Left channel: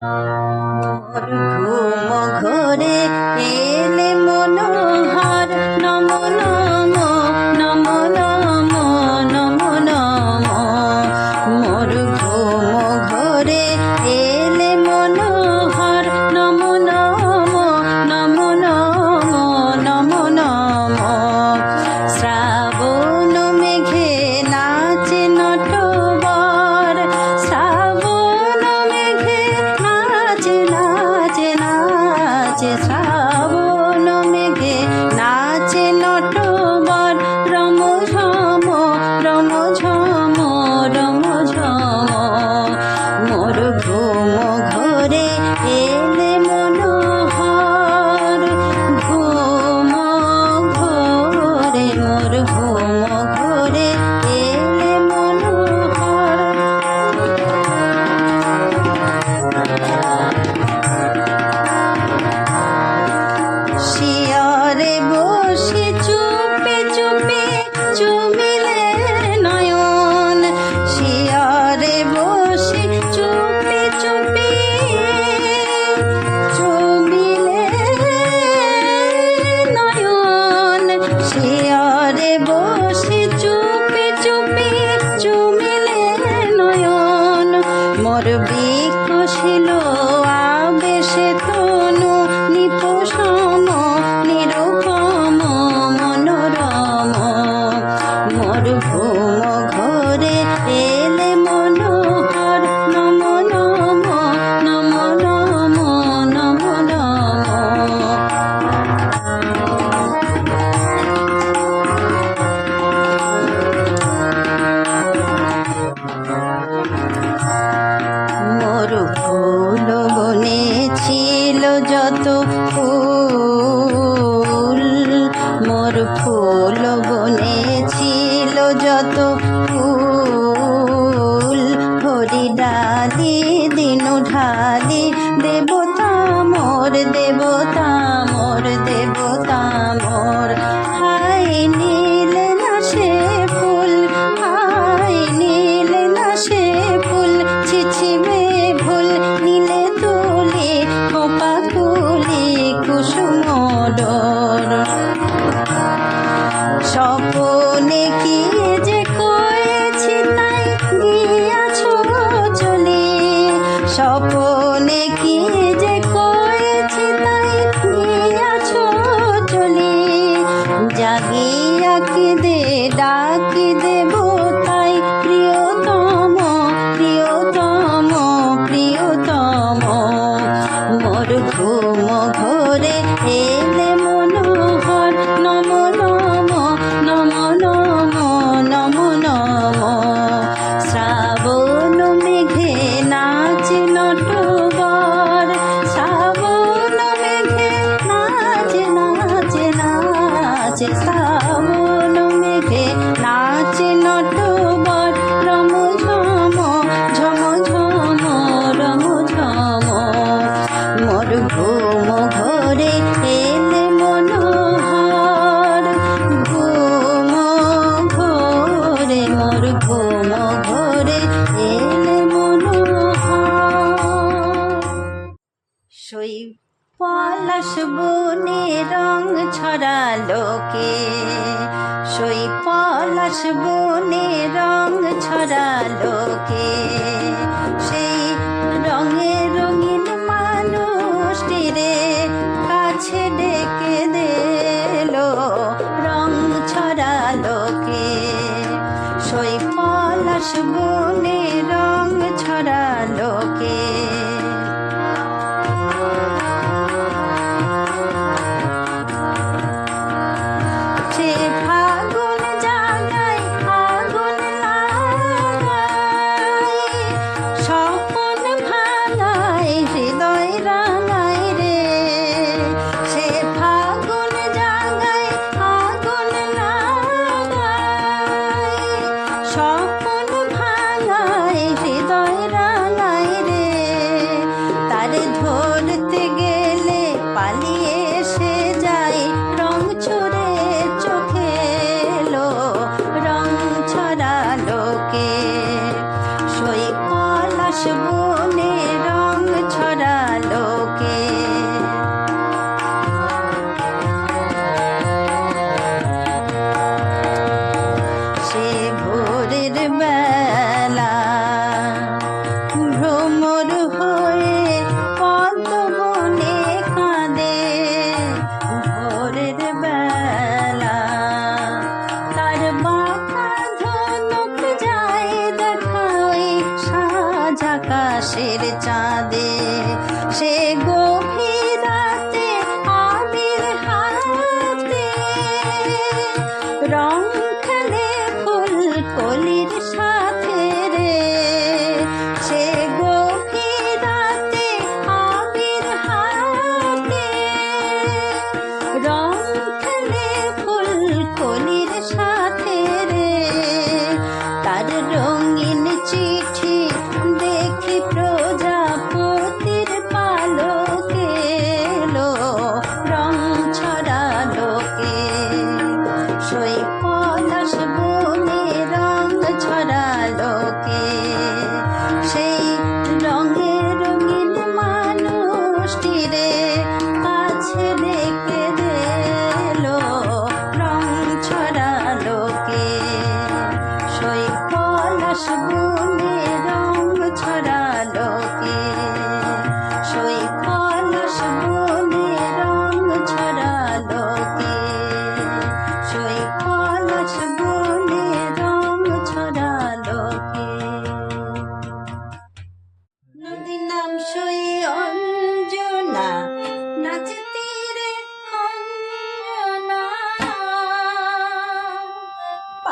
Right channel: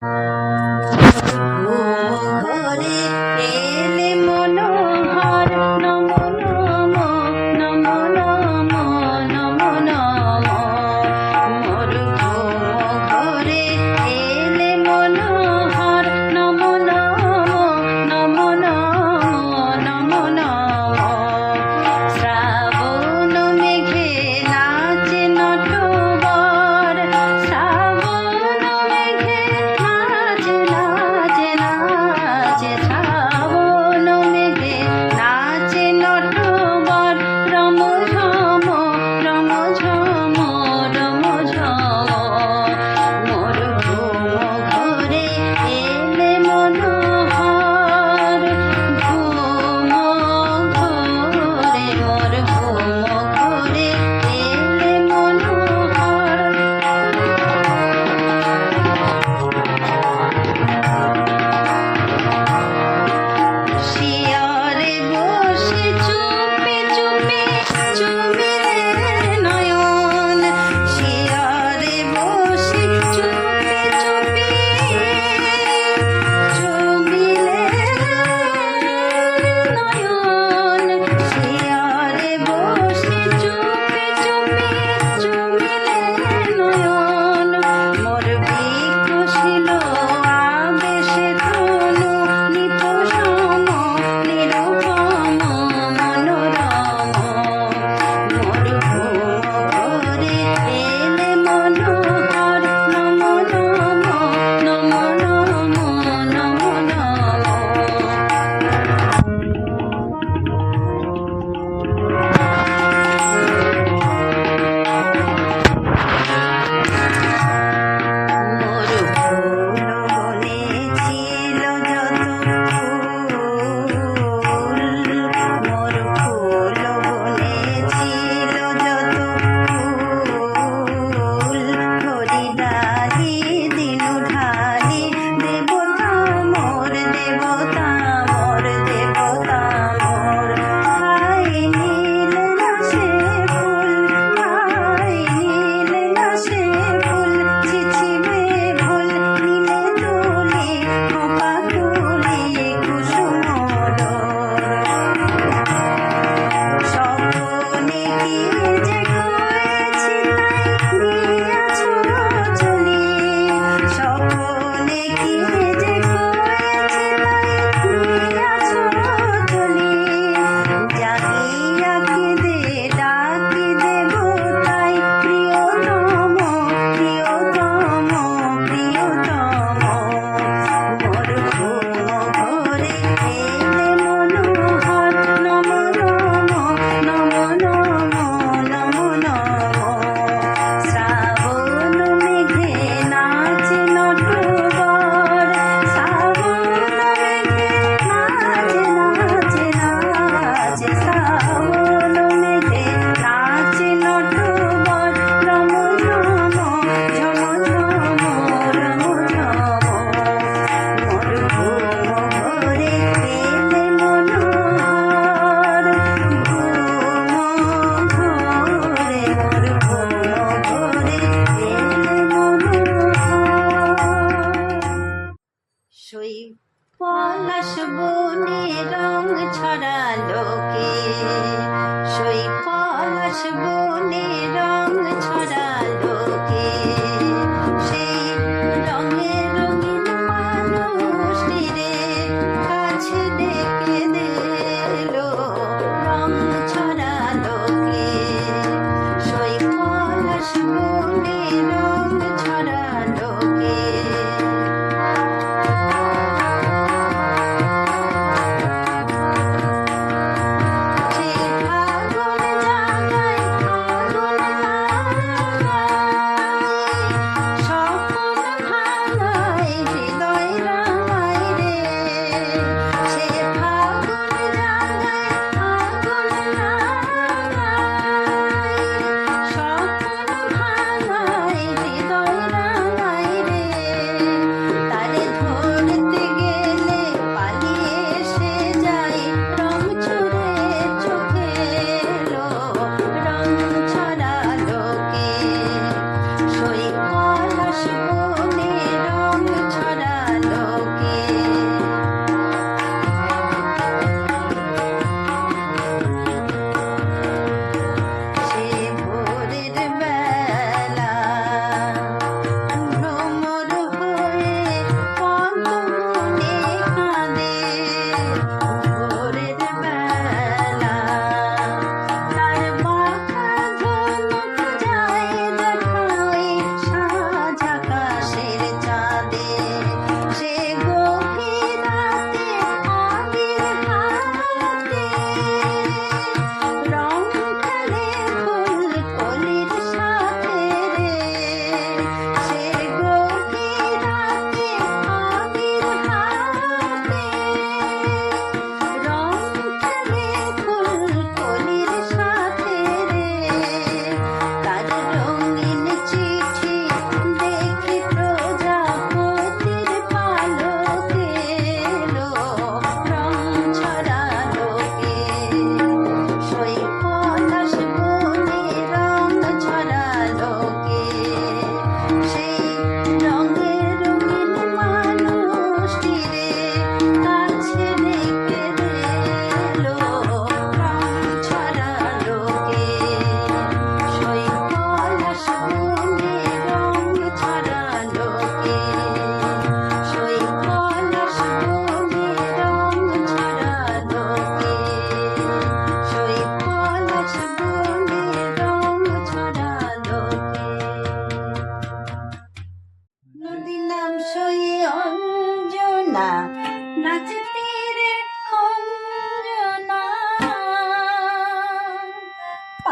Kumo.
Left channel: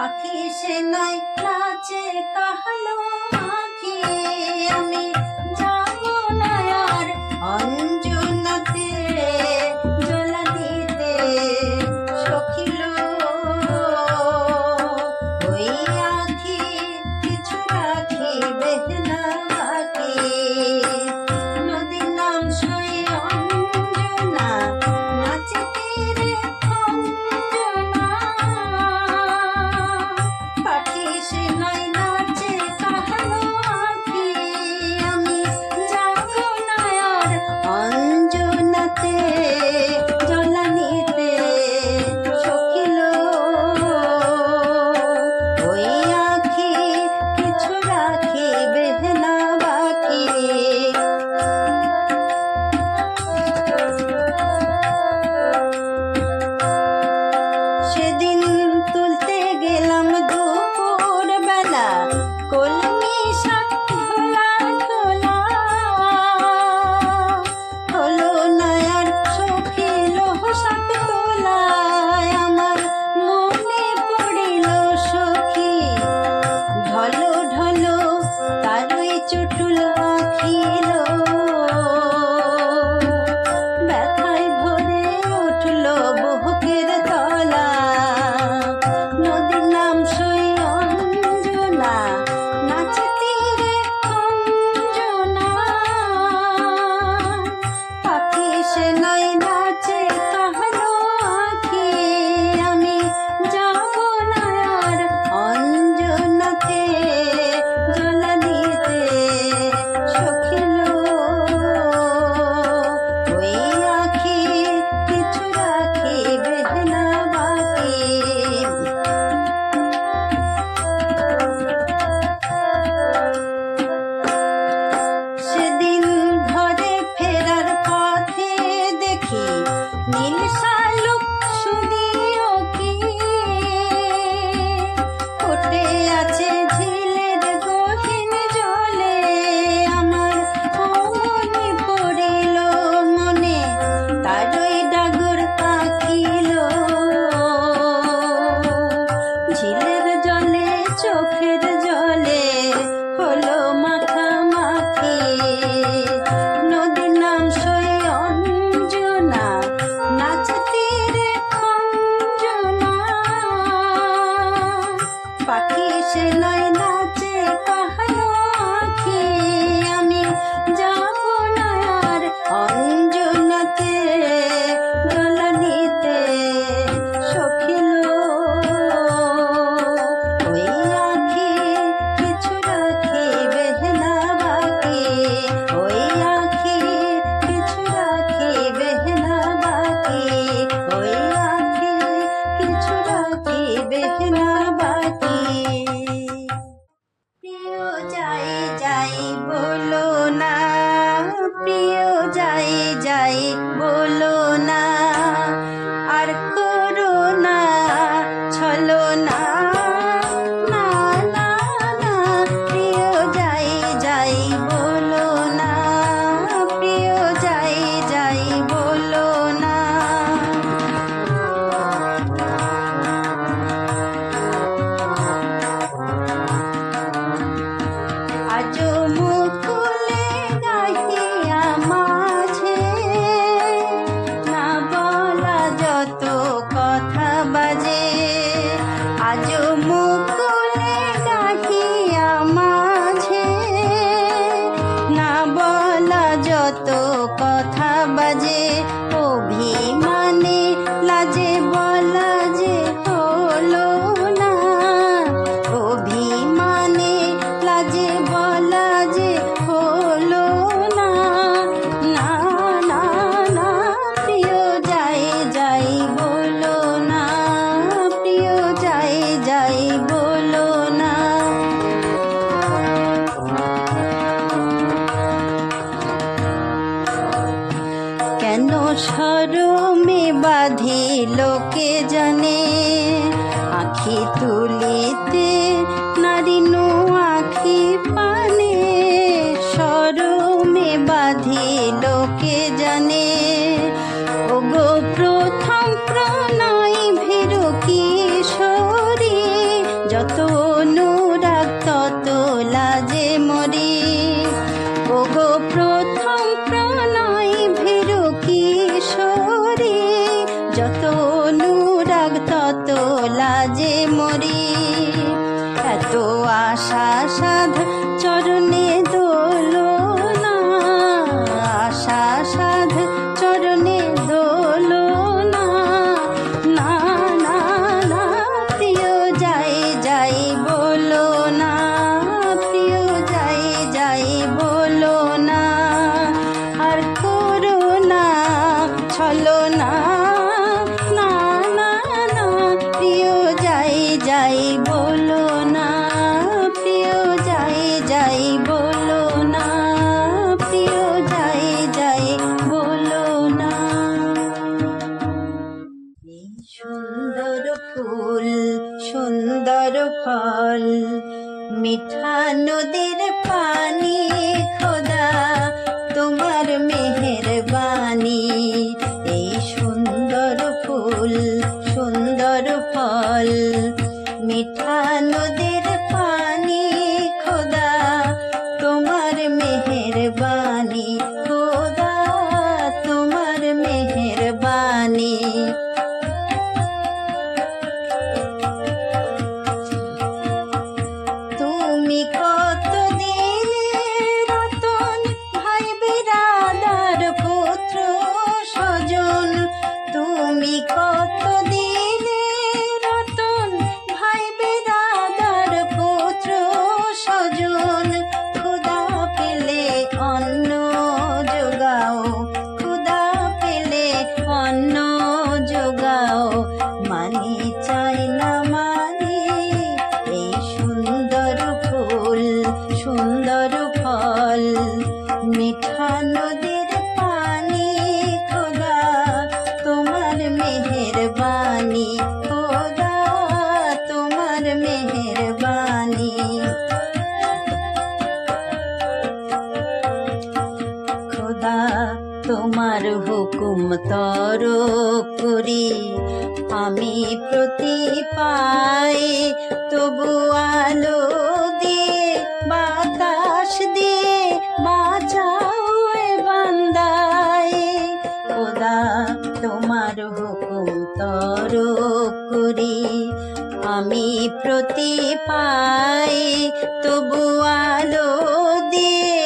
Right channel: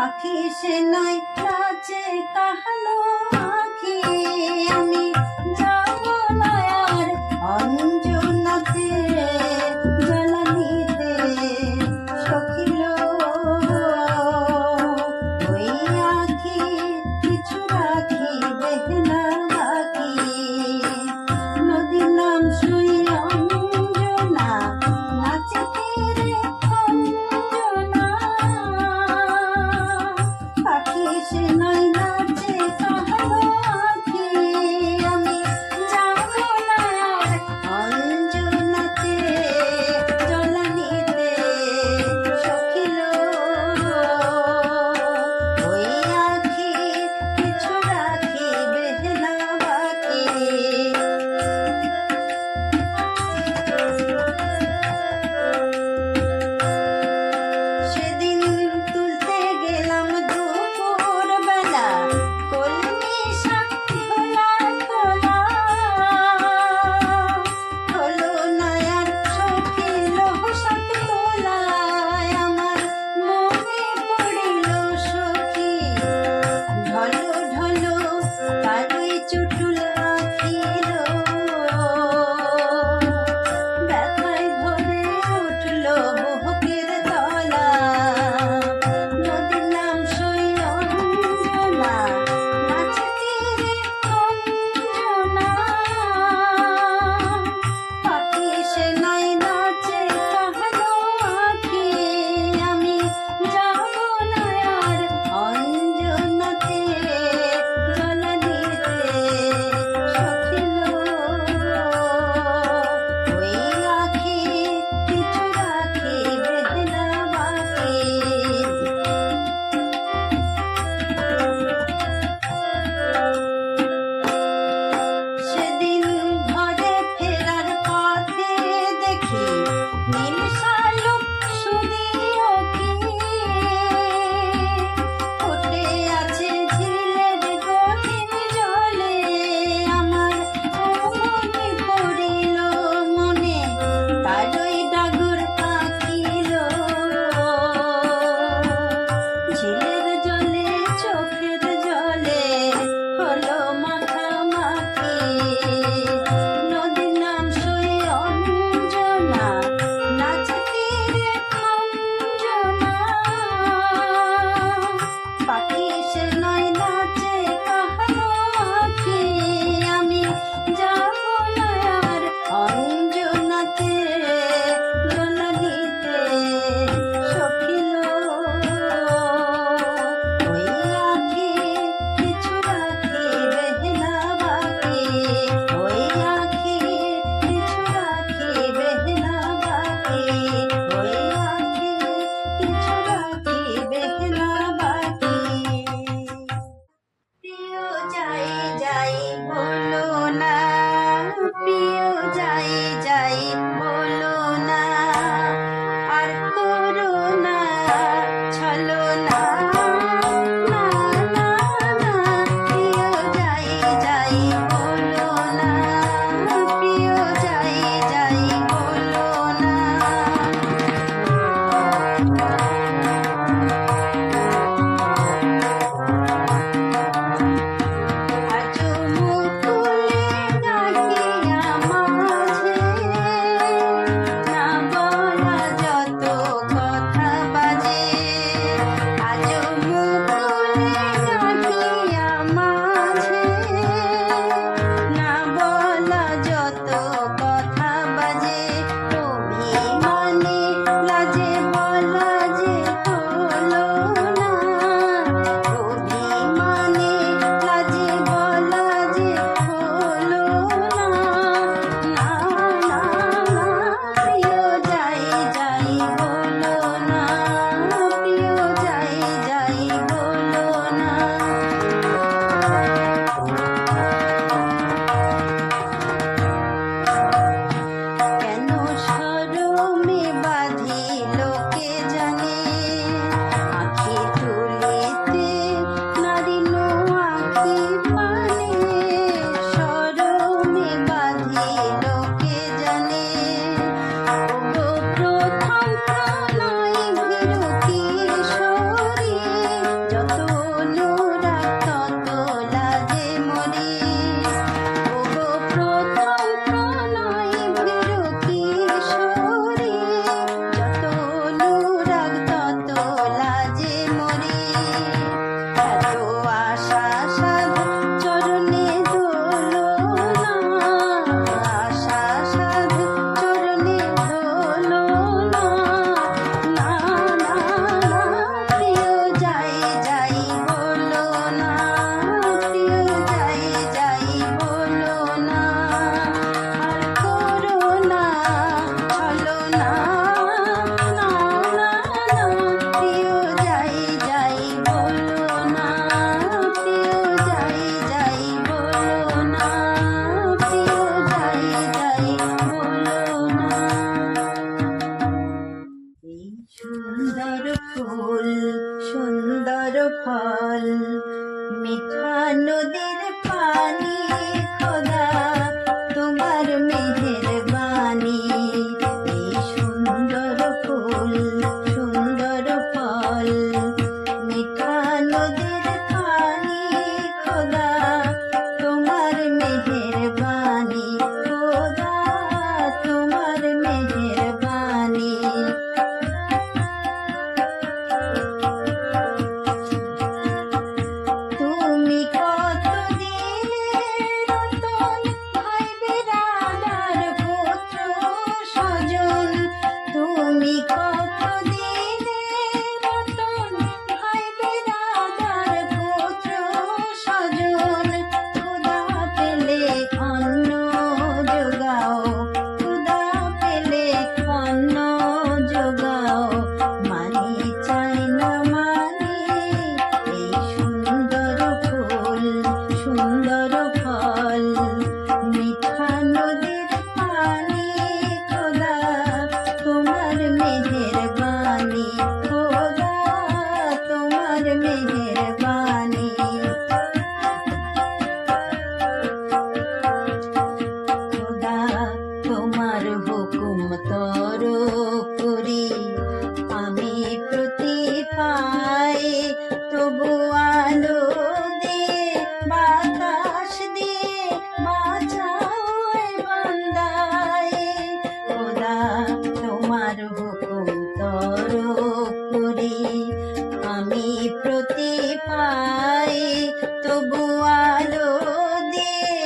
পাখি সে নাই কাজে কাহালো।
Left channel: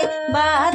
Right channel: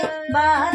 Bye.